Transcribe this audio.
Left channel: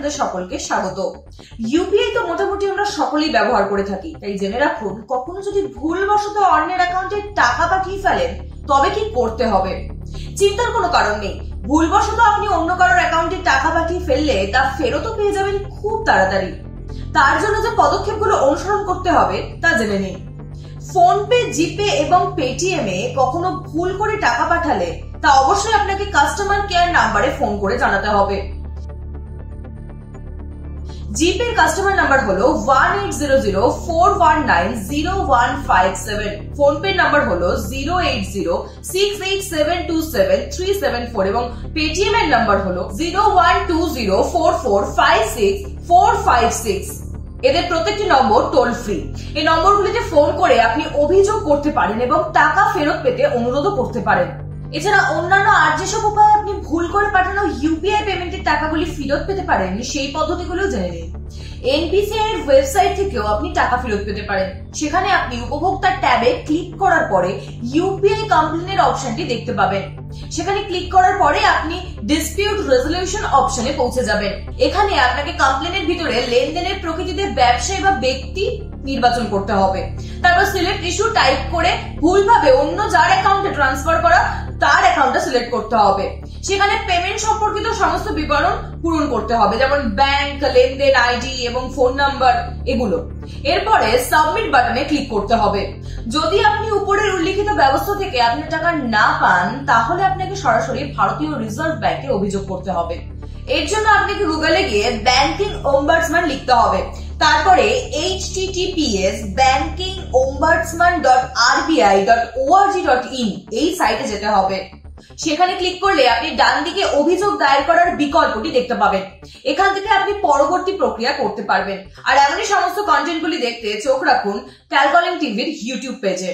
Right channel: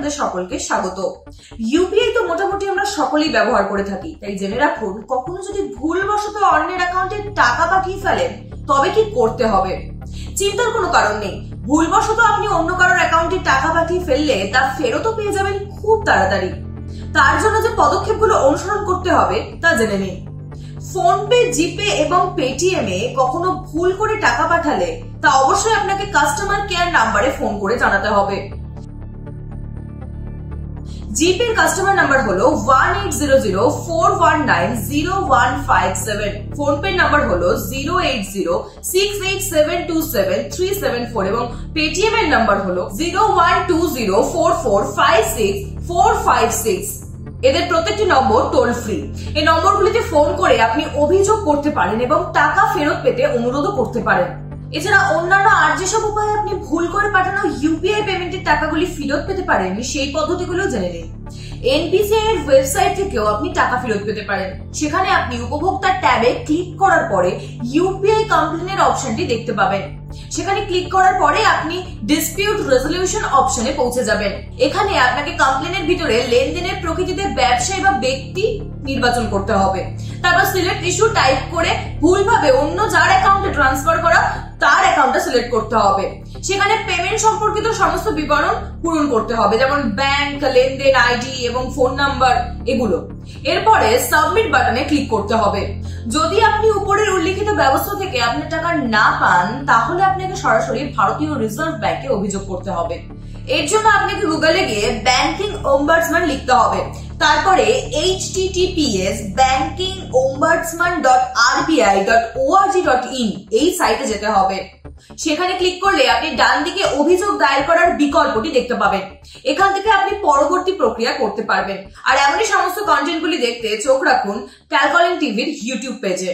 আপনাদের সকলকে স্বাগত। ইউপিআই তো মোটামুটি আমরা সকলেই ব্যবহার করে থাকি, তাই জেনে রাখুন কখনো যদি ভুলবশত অন্যের অ্যাকাউন্টে টাকা পাঠিয়ে ফেলেন তবে কি করতে হবে। চিন্তার কোনো কারণ নেই, ভুলবশত আপনি অন্য কারোর অ্যাকাউন্টে টাকা পাঠিয়ে ফেললে তা ফেরতও পেয়ে যাবেন খুব তাড়াতাড়ি। তার জন্য যে পদক্ষেপগুলো অনুসরণ করতে হবে তা জেনে নিন। ফোনপে, জিপে এবং পেটিএম এ কখনো ভুল করে টাকা পাঠালে তা অবশ্যই আপনাকে কাস্টমার কেয়ার নাম্বারে ফোন করে জানাতে হবে। জিপের কাস্টমার নাম্বার হলো 180041900157, ফোনপে নাম্বার হলো 08068727374 এবং পেটিএম এর নাম্বার হলো 012044564556। এদের প্রত্যেকটি নম্বর টোল ফ্রি। এই নম্বরগুলিতে ফোন করে আপনি অভিযোগ করতে পারেন এবং টাকা ফেরত পেতে অনুরোধও করতে পারেন। এছাড়া অন্যান্য আর যেসব উপায়ে আপনি ভুল করে পাঠানো ইউপিআই পেমেন্টের টাকাগুলি ফেরত পেতে পারেন সেই পদ্ধতিগুলো জেনে নিন। এনপিসিআই এর ওয়েবসাইট থেকেও আপনি টাকা ফেরত পেতে পারেন। সেখানে আপনি উপভোক্তার ট্যাবে ক্লিক করার পরে ইউপিআই কমপ্লেনের অপশনটি দেখতে পাবেন। সেখানে ক্লিক করার পরে আপনি ডিসপিউট রেজলিউশন অপশনে পৌঁছে যাবেন। এখানে আপনাকে কমপ্লেনের ভিতরে লেনদেনের প্রকৃতিতে ব্যবসায়ী বা ব্যক্তি নির্বাচন করতে হবে। তারপর সিলেক্ট ইস্যু টাইপ করে ভুলভাবে অন্য যার অ্যাকাউন্টে ট্রান্সফার করা তার অ্যাকাউন্টটা সিলেক্ট করতে হবে। সেখানে পেমেন্ট সম্পর্কিত সমস্ত বিবরণ পূরণ করতে হবে, যেমন ব্যাংক, লেনদেন আইডি এবং ফোন নাম্বার এগুলো। এরপরে সাবমিট বাটনে ক্লিক করতে হবে। যদি আপনি উপরের উল্লিখিত ব্যবস্থা থেকে আপনার টাকা না পান তাহলে আপনাকে সরাসরি ভারতীয় রিজার্ভ ব্যাংকে অভিযোগ করতে হবে। এর জন্য আপনাকে গুগলে গিয়ে ব্যাংকিং ওম্বাডসম্যান লিখতে হবে, তারপরে https://bankingombuddsman.rbi.org.in এই সাইটে যেতে হবে। সেখানে ক্লিক করলে আপনি ডান দিকে অভিযোগ দায়ের করার বিকল্পটি দেখতে পাবেন। এখান থেকে আপনি পরবর্তী প্রক্রিয়া করতে পারবেন। আর এমনই সমস্ত কন্টেন্টগুলি দেখতে চোখ রাখুন ক্যালকলিং টিভির ইউটিউব পেজে।